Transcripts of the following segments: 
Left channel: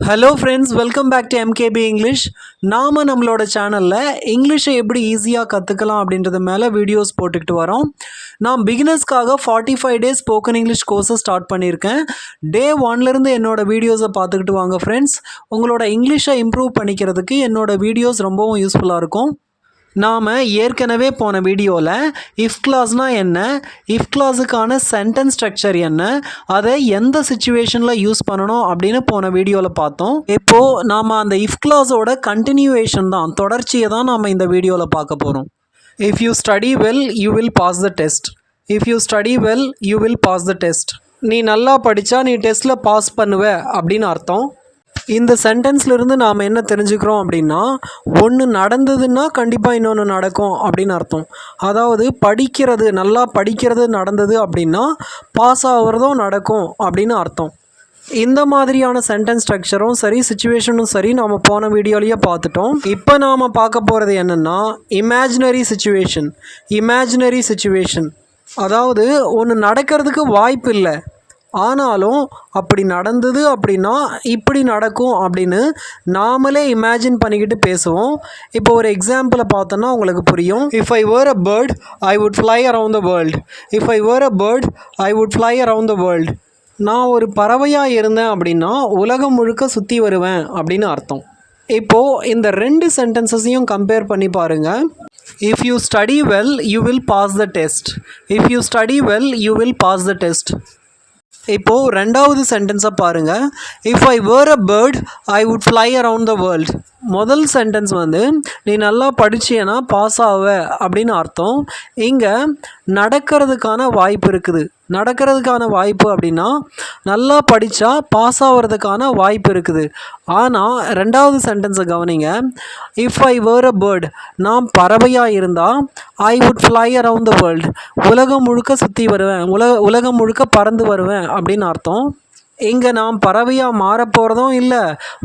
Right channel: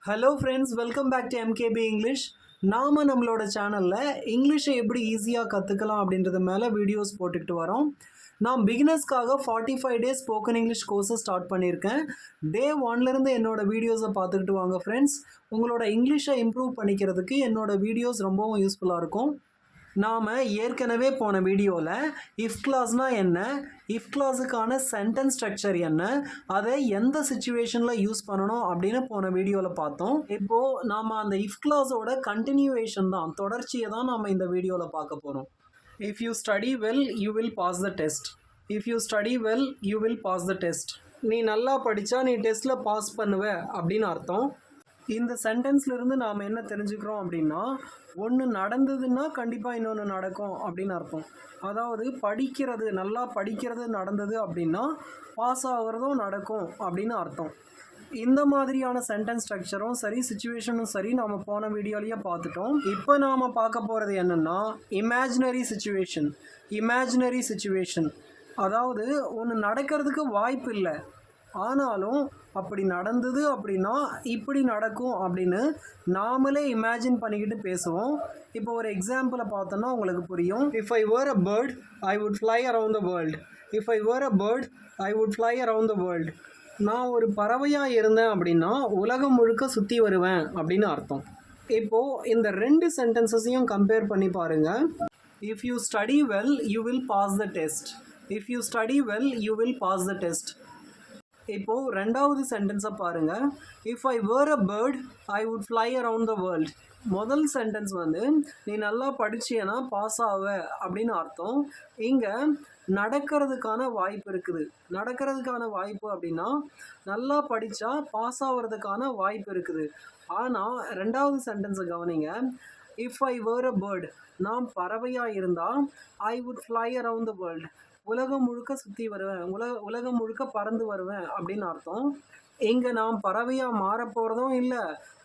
Hello friends, welcome back to MKP English. நாம் நம்மளோட சேனலில் இங்கிலீஷை எப்படி ஈஸியாக கற்றுக்கலாம் அப்படின்றது மேலே வீடியோஸ் போட்டுக்கிட்டு வரோம். நான் பிகினர்ஸ்க்காக 45 டேஸ் ஸ்போக்கன் இங்கிலீஷ் கோர்ஸை ஸ்டார்ட் பண்ணியிருக்கேன். டே 1லேருந்து என்னோடய வீடியோஸை பார்த்துக்கிட்டு வாங்க ஃப்ரெண்ட்ஸ். உங்களோட இங்கிலீஷை இம்ப்ரூவ் பண்ணிக்கிறதுக்கு என்னோடய வீடியோஸ் ரொம்பவும் யூஸ்ஃபுல்லாக இருக்கும். நாம் ஏற்கனவே போன வீடியோவில் இஃப் கிளாஸ்னால் என்ன, இஃப் கிளாஸுக்கான சென்டென்ஸ் ஸ்ட்ரக்சர் என்ன, அதை எந்த சுச்சுவேஷனில் யூஸ் பண்ணணும் அப்படின்னு போன வீடியோவில் பார்த்தோம். இப்போது நாம் அந்த இஃப் கிளாஸோட கண்டினியூவேஷன் தான், தொடர்ச்சியை தான் நாம் இந்த வீடியோவில் பார்க்க போகிறோம். If you study well you will pass the test. If you study well you will pass the test. நீ நல்லா படித்தா நீ டெஸ்ட்டில் பாஸ் பண்ணுவ அப்படின்னு அர்த்தம். இந்த சென்டென்ஸ்லேருந்து நாம் என்ன தெரிஞ்சுக்கிறோம் அப்படின்னா, ஒன்று நடந்ததுன்னா கண்டிப்பாக இன்னொன்று நடக்கும் அப்படின்னு அர்த்தம். அதாவது படிக்கிறது, நல்லா படிக்கிறது நடந்தது அப்படின்னா பாஸ் ஆகிறதும் நடக்கும் அப்படின்னு அர்த்தம். இந்த மாதிரியான சென்டென்ஸ் ஸ்ட்ரக்சரும் சரி, சிச்சுவேஷனும் சரி, நாம் போன வீடியோலேயே பார்த்துட்டோம். இப்போ நாம் பார்க்க போகிறது என்னென்னா இமேஜினரி சிச்சுவேஷன். இமேஜினரி சிச்சுவேஷன் அதாவது ஒன்று நடக்கிறதுக்கு வாய்ப்பு இல்லை, ஆனாலும் அப்படி நடந்தது அப்படின்னா இப்படி நடக்கும் அப்படின்னு நாமளே இமேஜின் பண்ணிக்கிட்டு பேசுவோம். இப்போ ஒரு எக்ஸாம்பிளை பார்த்தோன்னா உங்களுக்கு புரியும். If I were a bird I would fly around the world. If I were a bird I would fly around the world. நான் ஒரு பறவையாக இருந்தேன் அப்படின்னா உலகம் முழுக்க சுற்றி வருவேன் அப்படின்னு அர்த்தம். இப்போது இந்த ரெண்டு சென்டென்சஸையும் கம்பேர் பண்ணி பாருங்கள். If you study well you will pass the test. If you study well you will pass the test. இப்போது ரெண்டாவது சென்டென்ஸை பாருங்கள். If I were a bird I would fly around the world. முதல் சென்டென்ஸ் வந்து நீ நல்லா படிச்சியனா பாஸ் ஆவ அப்படின்னு அர்த்தம். இங்கே நடக்கிறதுக்கான வாய்ப்பு இருக்குது. நடக்கிறதுக்கான வாய்ப்பு அப்படின்னா நல்லா படித்தா பாஸ் ஆகிறதுக்கான வாய்ப்பு இருக்குது. ஆனால் ரெண்டாவது சென்டென்ஸை கவனிங்க. If I were a bird, நான் பறவையாக இருந்தால் ஐ would fly around the world, உலகம் முழுக்க சுற்றி வருவேன், உலகம் முழுக்க பறந்து வருவேன் அப்படின்னு அர்த்தம். இங்கே நான் பறவையாக மாறப்போகிறதும் இல்லை,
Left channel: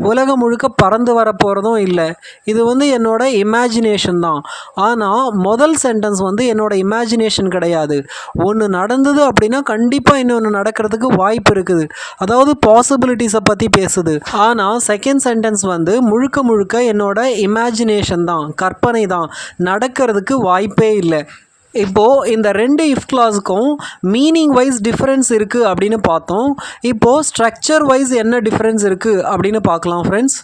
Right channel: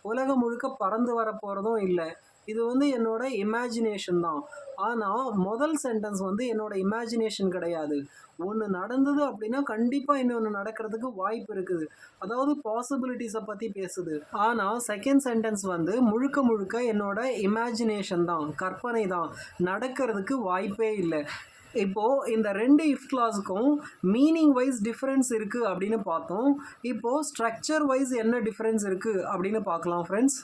உலகம் முழுக்க பறந்து வரப்போகிறதும் இல்லை. இது வந்து என்னோட இமேஜினேஷன் தான். ஆனால் முதல் சென்டென்ஸ் வந்து என்னோட இமேஜினேஷன் கிடையாது. ஒன்று நடந்தது அப்படின்னா கண்டிப்பாக இன்னொன்று நடக்கிறதுக்கு வாய்ப்பு இருக்குது, அதாவது பாசிபிலிட்டிஸை பற்றி பேசுது. ஆனால் செகண்ட் சென்டென்ஸ் வந்து முழுக்க முழுக்க என்னோட இமேஜினேஷன் தான், கற்பனை தான், நடக்கிறதுக்கு வாய்ப்பே இல்லை. இப்போது இந்த ரெண்டு இஃப் கிளாஸுக்கும் மீனிங் வைஸ் டிஃப்ரென்ஸ் இருக்குது அப்படின்னு பார்த்தோம். இப்போது ஸ்ட்ரக்சர் வைஸ் என்ன டிஃப்ரென்ஸ் இருக்குது அப்படின்னு பார்க்கலாம் ஃப்ரெண்ட்ஸ்.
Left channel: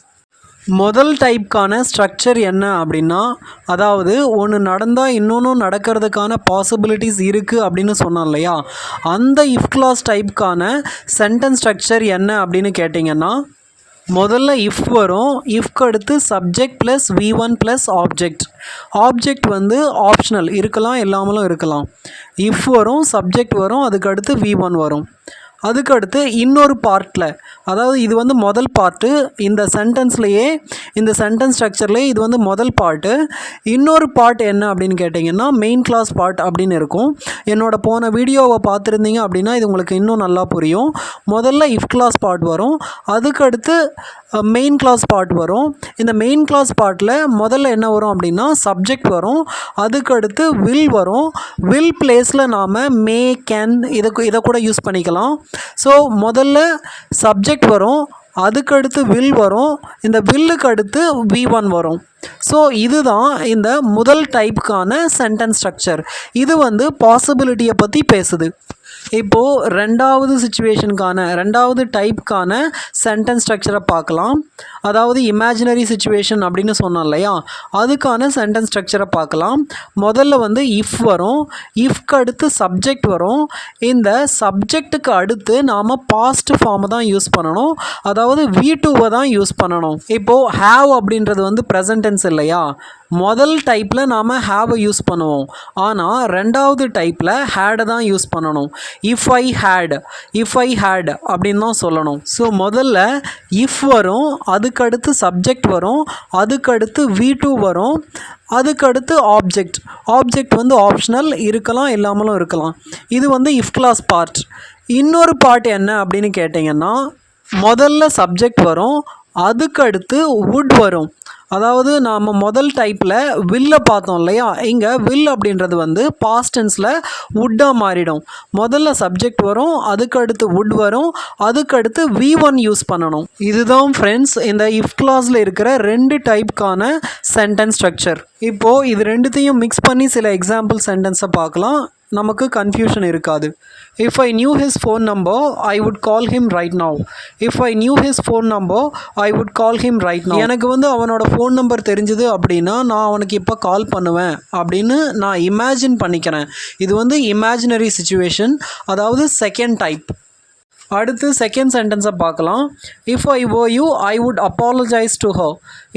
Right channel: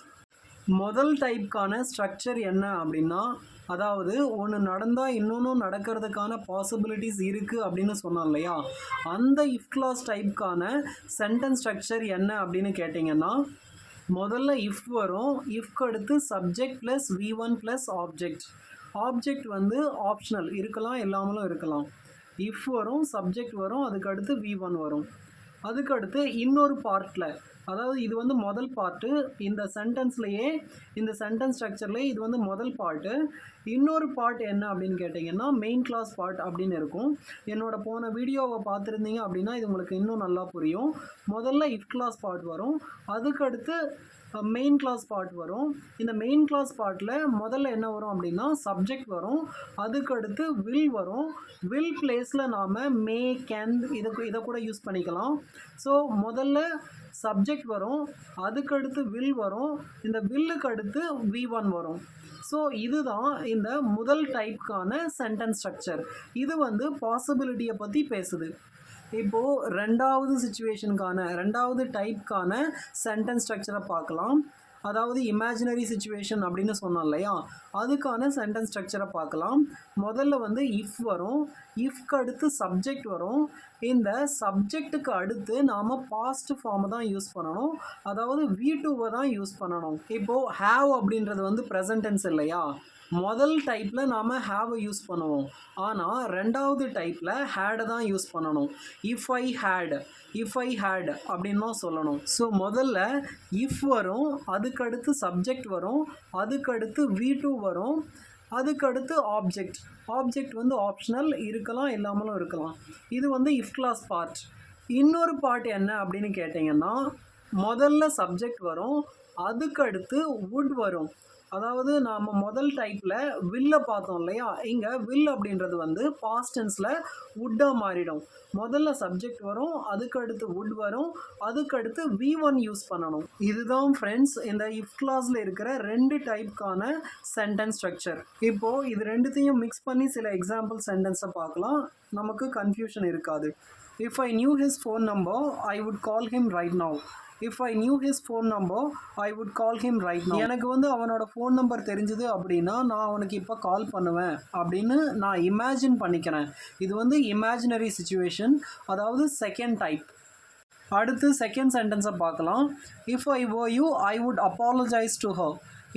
முதல் டைப்க்கான ஸ்ட்ரக்சர் என்ன அப்படின்னா, அதாவது ஒன்று நடந்தால் இன்னொன்று நடக்கிறதுக்கான பாசிபிலிட்டிஸ் இருக்குது அப்படின்னு சொன்னோம் இல்லையா, அந்த இஃப் கிளாஸ் டைப்க்கான சென்டென்ஸ் ஸ்ட்ரக்சர் என்ன அப்படின்னு கேட்டிங்கன்னா, முதல்ல இஃப் வரும். இஃப்க்கு அடுத்து subject plus V1 plus object. Object வந்து ஆப்ஷனல், இருக்கலாம் இல்லாமலும் இருக்கலாம். இஃப் வரும், சப்ஜெக்ட் வரும், அதுக்கு அடுத்து V1 வரும். அதுக்கடுத்து இன்னொரு பார்ட்டில், அதாவது இது வந்து முதல் பார்ட்டு, இந்த சென்டென்ஸ்லையே, இந்த சென்டென்ஸ் ஸ்ட்ரக்சர்லேயே இது வந்து முதல் பார்ட்டு. இன்னொரு பார்ட் என்ன அப்படின்னு கேட்டிங்கன்னா மெயின் கிளாஸ் பார்ட் அப்படின்னு இருக்கும். என்னோடய போன வீடியோவை பார்த்துருந்தீங்க அப்படின்னா இது உங்களுக்கு இன்னும் நல்லா புரியும். முதல்ல இஃப் கிளாஸ் பார்ட் வரும், அதுக்கடுத்து மெயின் கிளாஸ் பார்ட் வரும். இந்த மெயின் கிளாஸ் பார்ட்டில் முதல்ல என்ன வரும் அப்படின்னா சப்ஜெக்ட் வரும், அதுக்கடுத்து வில் வரும். வில் பிளேஸில் நாம் மே, கேன் இதை கூட யூஸ் பண்ணிக்கலாம். ஸோ முதல்ல சப்ஜெக்ட் வரும், அதுக்கடுத்து வில் வரும், இந்த வில்லுக்கு அடுத்து V1 வரும். ஸோ இதுதான் இந்த முதல் டைப்புக்கான சென்டென்ஸ் ஸ்ட்ரக்சர். இது வந்து பாசிபிலிட்டியை பற்றி பேசுது. இப்போது ரெண்டாவது சிச்சுவேஷனுக்கான, ரெண்டாவது டைப்புக்கான சென்டென்ஸ் ஸ்ட்ரக்சரை பார்க்கலாம். அதாவது இமேஜினரி சிச்சுவேஷன் அப்படின்னு சொன்னோம் இல்லையா, அதுக்கான சென்டென்ஸ் ஸ்ட்ரக்சரை பார்க்கலாம். முதல்ல வந்து இஃப் வரும், இஃப்க்கு அடுத்து சப்ஜெக்ட் வரும். இந்த சப்ஜெக்ட்டுக்கு அடுத்து நாம் பாஸ்ட் ஃபார்மை தான் யூஸ் பண்ணணும், அதாவது V2வை தான் யூஸ் பண்ணணும். இப்போது ஹேவ் அப்படின்றது வந்து ப்ரெசன்ட் டென்ஸ் இல்லையா, முதல் டைப்பில் நாம் ஹேவை யூஸ் பண்ணுவோம், ஆனால் ரெண்டாவது டைப்பில் ஹேடை தான் யூஸ் பண்ணணும். If I had, if I had அப்படின்னு தான் சொல்லணும். ஸோ முதல்ல இஃப் வரும், அதுக்கடுத்து சப்ஜெக்ட் வரும், அதுக்கடுத்து V2 வரும், அதுக்கடுத்து ஆப்ஜெக்ட். ஆப்ஜெக்ட் வந்து ஆப்ஷனல், இருக்கலாம் இல்லாமலும் இருக்கலாம். இது வந்து இஃப் கிளாஸ் பார்ட். இன்னொரு பார்ட் என்ன அப்படின்னு கேட்டிங்கன்னா, முதல்ல சப்ஜெக்ட் வரும், அதுக்கு அடுத்து would வரும். அதாவது நாம் முதல் டைப்பில் வில்லை பார்த்தோம் இல்லையா, இங்கே வில் அப்படின்றது வந்து பாஸ்ட் டென்ஸில் வுட்டாக மாறிடும். முதல்ல சப்ஜெக்ட் வரும், அதுக்கு அடுத்து வுட் வரும், அதுக்கு அடுத்து V1 யூஸ் பண்ணணும். இதுதான் ஃப்ரெண்ட்ஸ் இந்த இஃப் கிளாஸில் இருக்கிற 2 டைப்புக்கான சென்டென்ஸ் ஸ்ட்ரக்சர். இப்போது இது ரெண்டுத்தையும் மிக்ஸ் பண்ணி சில எக்ஸாம்பிள் சென்டென்ஸை பார்க்கலாம், நமக்கு கன்ஃபியூஷன் இருக்காது. If I knew his phone number, I would call him right now. If I knew his phone number, I would call him right now. எனக்கு வந்து அவனோட ஃபோன் நம்பர் தெரிஞ்சுது அப்படின்னா நான் அவனுக்கு இப்போ கால் பண்ணுவேன் அப்படின்னு நான் இமேஜின் பண்ணிக்கிறேன். இது வந்து இமேஜினரி சிச்சுவேஷன், அதாவது செகண்ட் டைப். அடுத்து செகண்ட் சென்டென்ஸை பார்க்கலாம். If I were you, I would apologize to her.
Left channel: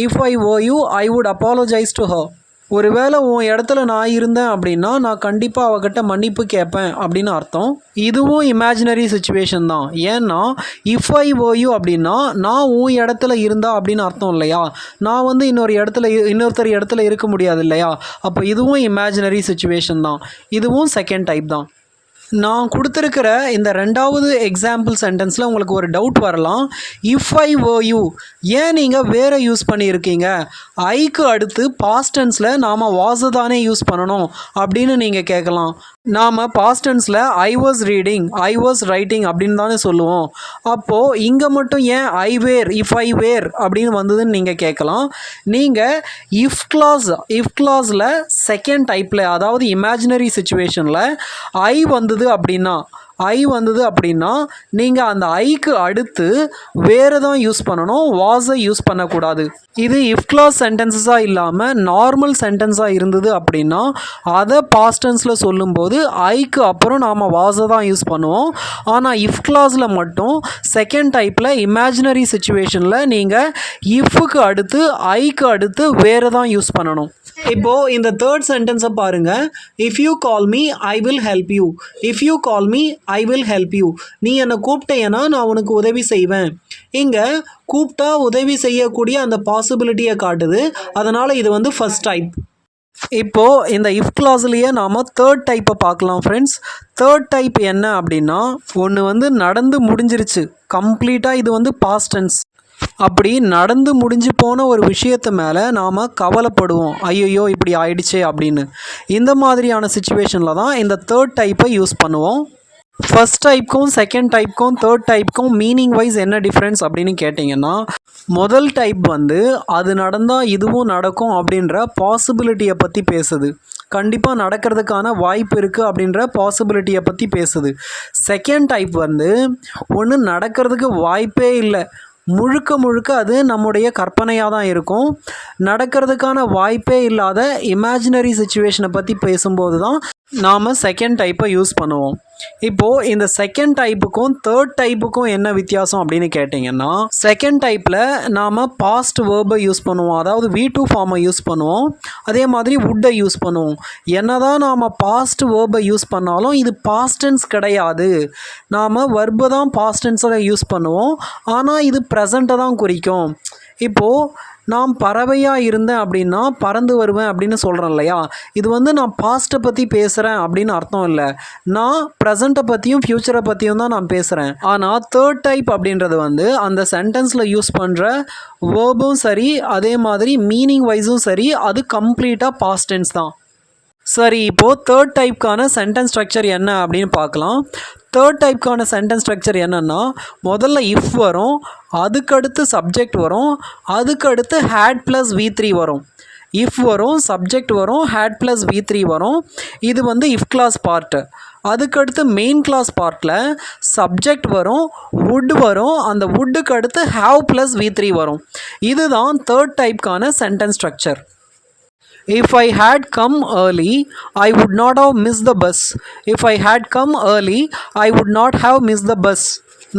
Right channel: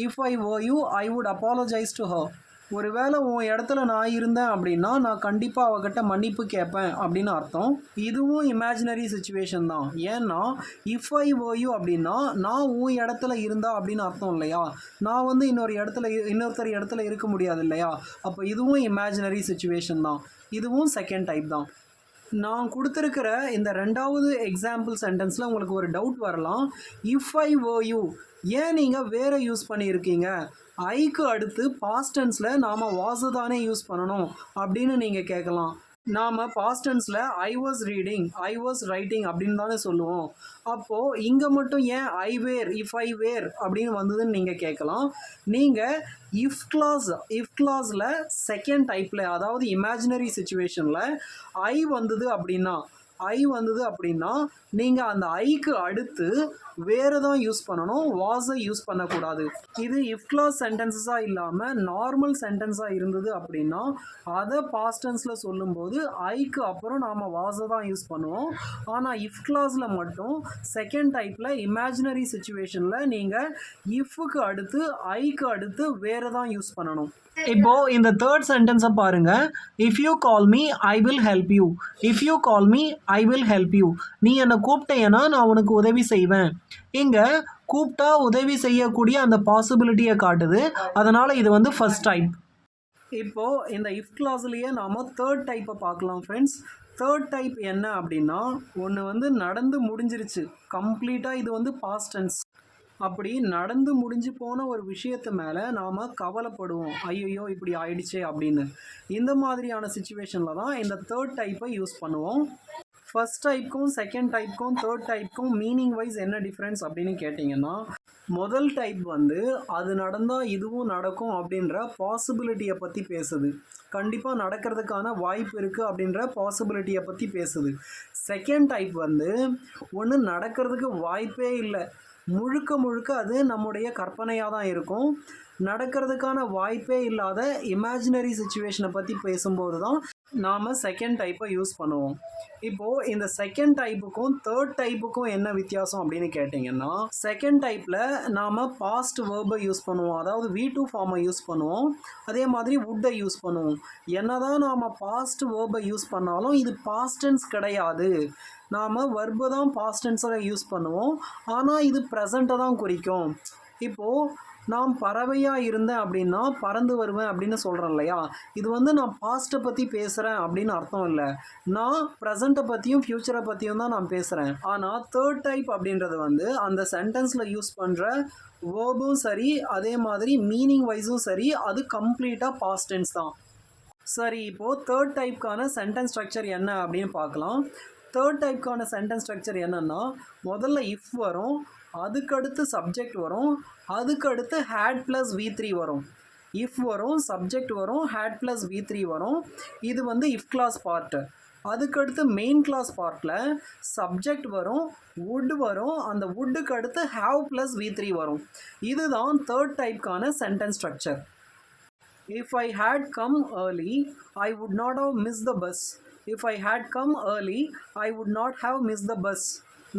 If I were you, I would apologize to her. ஒருவேளை உன் இடத்துல நான் இருந்தேன் அப்படின்னா நான் கண்டிப்பாக அவகிட்ட மன்னிப்பு கேட்பேன் அப்படின்னு அர்த்தம். இதுவும் இமேஜினரி சிச்சுவேஷன் தான். ஏன்னா இஃப் ஐ were you அப்படின்னா நான் உன் இடத்துல இருந்தா அப்படின்னு அர்த்தம் இல்லையா, நான் வந்து இன்னொருத்தர் இடத்துல இருக்க முடியாது இல்லையா, அப்போ இதுவும் இமேஜினரி சிச்சுவேஷன் தான். இதுவும் செகண்ட் டைப் தான். நான் கொடுத்துருக்கிற இந்த ரெண்டாவது எக்ஸாம்பிள் சென்டென்ஸில் உங்களுக்கு ஒரு டவுட் வரலாம். இஃப் ஐ were you ஏன் நீங்கள் வேறு யூஸ் பண்ணியிருக்கீங்க, ஐக்கு அடுத்து பாஸ்ட் டென்ஸில் நாம் வாஸ் தானே யூஸ் பண்ணணும் அப்படின்னு நீங்கள் கேட்கலாம். நாம் பாஸ்ட் டென்ஸில் I was reading, I was writing அப்படின்னு தானே சொல்லுவோம். அப்போது இங்கே மட்டும் ஏன் ஐ வேர், இஃப் ஐ வேர் அப்படின்னு வந்ததுன்னு நீங்கள் கேட்கலாம். நீங்கள் இஃப் கிளாஸில் செகண்ட் டைப்பில், அதாவது இமேஜினரி சிச்சுவேஷனில் ஐ வந்தது அப்படின்னா நீங்கள் அந்த ஐக்கு அடுத்து வேறு தான் யூஸ் பண்ணணும், வாஸை யூஸ் பண்ணக்கூடாது. இது இஃப் கிளாஸ் சென்டென்சஸாக இல்லாமல் நார்மல் சென்டென்ஸாக இருந்தது அப்படின்னா அதை பாஸ்ட் டென்ஸில் சொல்லும்போது ஐக்கு அப்புறம் நாம் வாஸை தான் யூஸ் பண்ணுவோம். ஆனால் இஃப் கிளாஸில் மட்டும் செகண்ட் டைப்பில் இமேஜினரி சிச்சுவேஷனில் நீங்கள் இஃப்க்கு அடுத்து ஐக்கு அடுத்து வேறு தான் யூஸ் பண்ணணும். இப்போது இந்த தேர்ட் சென்டென்ஸை பாருங்கள். If you call me I will help you. If you call me I will help you. நீ என்னை கூப்பிட்டேன்னா நான் உனக்கு உதவி செய்வேன். இங்கே கூப்பிட்டா உதவி செய்யக்கூடிய அந்த பாசிபிலிட்டியை காட்டுது, அதனால் இது வந்து ஃபர்ஸ்ட் டைப். இப்போது இந்த இஃப் கிளாஸ்லேயே நாம் தேர்ட் டைப்பை பார்க்கலாம் ஃப்ரெண்ட்ஸ். தேர்ட் டைப் என்ன அப்படின்னா, ஒன்று வந்து நடந்து முடிஞ்சிருச்சு கம்ப்ளீட்டாக, இது வந்து பாஸ்ட் டென்ஸ். அப்படி நடந்து முடிஞ்சு போன ஒரு விஷயத்து மேலே நாம் கவலைப்படுவோம், ஐயோ இப்படி ஆயிடுச்சே அப்படின்னு. இந்த மாதிரியான சிச்சுவேஷனில் தான் இந்த தேர்ட் டைப்பை யூஸ் பண்ணுவோம். ஃபர்ஸ்ட் டைப்புக்கும் செகண்ட் டைப்புக்கும் தேர்ட் டைப்புக்கும் மீனிங் வைஸ் என்ன டிஃப்ரென்ஸ் அப்படின்னு கேட்டிங்கன்னா, முதல் டைப் வந்து அது நடந்தால் இதுவும் நடக்கும் அப்படின்ற பாசிபிலிட்டியை பற்றி பேசுது, கண்டிப்பாக நடக்கிறதுக்கான வாய்ப்பு இருக்குது அப்படின்ற பாசிபிலிட்டியை பற்றி பேசுது. செகண்ட் டைப் வந்து ஒன்று நடக்கிறதுக்கு வாய்ப்பே இல்லை, முழுக்க அது நம்முடைய கற்பனையாக தான் இருக்கும். நடக்கிறதுக்கான வாய்ப்பே இல்லாத இமேஜினரி சிச்சுவேஷனை பற்றி பேசும்போது தான் நாம் செகண்ட் டைப்பை யூஸ் பண்ணுவோம். இப்போது இந்த செகண்ட் டைப்புக்கும் தேர்ட் டைப்புக்கும் என்ன வித்தியாசம் அப்படின்னு கேட்டிங்கன்னா, செகண்ட் டைப்பில் நாம் பாஸ்ட் வேர்பை யூஸ் பண்ணுவோம், அதாவது V2 ஃபார்மை யூஸ் பண்ணுவோம். அதே மாதிரி வுட்டை யூஸ் பண்ணுவோம். என்ன தான் நாம் பாஸ்ட் வேர்பை யூஸ் பண்ணாலும் இது பாஸ்ட் டென்ஸ் கிடையாது. நாம் வர்பை தான் பாஸ்ட் டென்ஸில் யூஸ் பண்ணுவோம், ஆனால் இது ப்ரெசண்ட்டை தான் குறிக்கும். இப்போது நான் பறவையாக இருந்தேன் அப்படின்னா பறந்து வருவேன் அப்படின்னு சொல்கிறேன் இல்லையா, இது வந்து நான் பாஸ்ட்டை பற்றி பேசுகிறேன் அப்படின்னு அர்த்தம் இல்லை, நான் ப்ரெசண்ட்டை பற்றியும் ஃப்யூச்சரை பற்றியும் தான் நான் பேசுகிறேன். ஆனால் தேர்ட் டைப் அப்படின்றது வந்து அந்த சென்டென்ஸில் யூஸ் பண்ணுற வேர்பும் சரி, அதே மாதிரி மீனிங் வைஸும் சரி, அது கம்ப்ளீட்டாக பாஸ்ட் டென்ஸ் தான். சரி, இப்போது தேர்ட் டைப்க்கான சென்டென்ஸ் ஸ்ட்ரக்சர் என்ன அப்படின்னு பார்க்கலாம். தேர்ட் டைப்க்கான சென்டென்ஸ் ஸ்ட்ரக்சர் என்னென்னா, முதல்ல இஃப் வரும், அதுக்கடுத்து சப்ஜெக்ட் வரும், அதுக்கடுத்து ஹேட் ப்ளஸ் V3 வரும். இஃப் வரும், சப்ஜெக்ட் வரும், ஹேட் ப்ளஸ் V3 வரும். இது வந்து இஃப் கிளாஸ் பார்ட்டு. அதுக்கடுத்து மெயின் கிளாஸ் பார்ட்டில் சப்ஜெக்ட் வரும், வுட் வரும், அந்த வுட்டுக்கு அடுத்து ஹேவ் ப்ளஸ் V3 வரும். இதுதான் தேர்ட் டைப்க்கான sentence structure. If I had come early, I would not have missed the bus. If I had come early, I would not have missed the bus.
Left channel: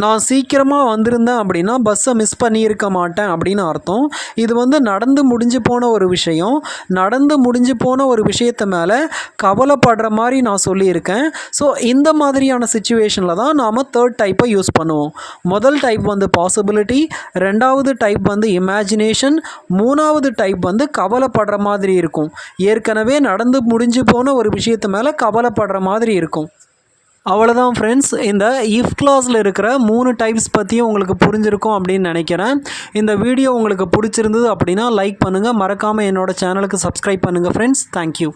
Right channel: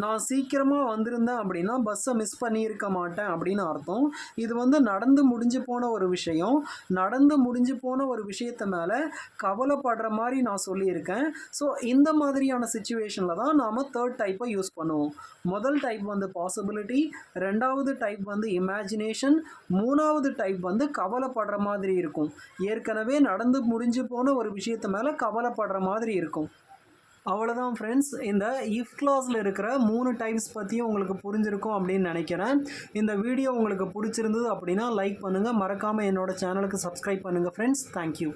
நான் சீக்கிரமாக வந்திருந்தேன் அப்படின்னா பஸ்ஸை மிஸ் பண்ணியிருக்க மாட்டேன் அப்படின்னு அர்த்தம். இது வந்து நடந்து முடிஞ்சு போன ஒரு விஷயம், நடந்து முடிஞ்சு போன ஒரு விஷயத்தை மேலே கவலைப்படுற மாதிரி நான் சொல்லியிருக்கேன். ஸோ இந்த மாதிரியான சிச்சுவேஷனில் தான் நாம் தேர்ட் டைப்பை யூஸ் பண்ணுவோம். முதல் டைப் வந்து பாசிபிலிட்டி, ரெண்டாவது டைப் வந்து இமேஜினேஷன், மூணாவது டைப் வந்து கவலைப்படுற மாதிரி இருக்கும். ஏற்கனவே நடந்து முடிஞ்சு போன ஒரு விஷயத்து மேலே கவலைப்படுற மாதிரி இருக்கும். அவ்வளோதான் ஃப்ரெண்ட்ஸ். இந்த இஃப் கிளாஸில் இருக்கிற 3 டைப்ஸ் பற்றியும் உங்களுக்கு புரிஞ்சிருக்கும் அப்படின்னு நினைக்கிறேன். இந்த வீடியோ உங்களுக்கு பிடிச்சிருந்தது அப்படின்னா லைக் பண்ணுங்கள். மறக்காமல் என்னோட சேனலுக்கு சப்ஸ்கிரைப் பண்ணுங்கள் ஃப்ரெண்ட்ஸ். தேங்க்யூ.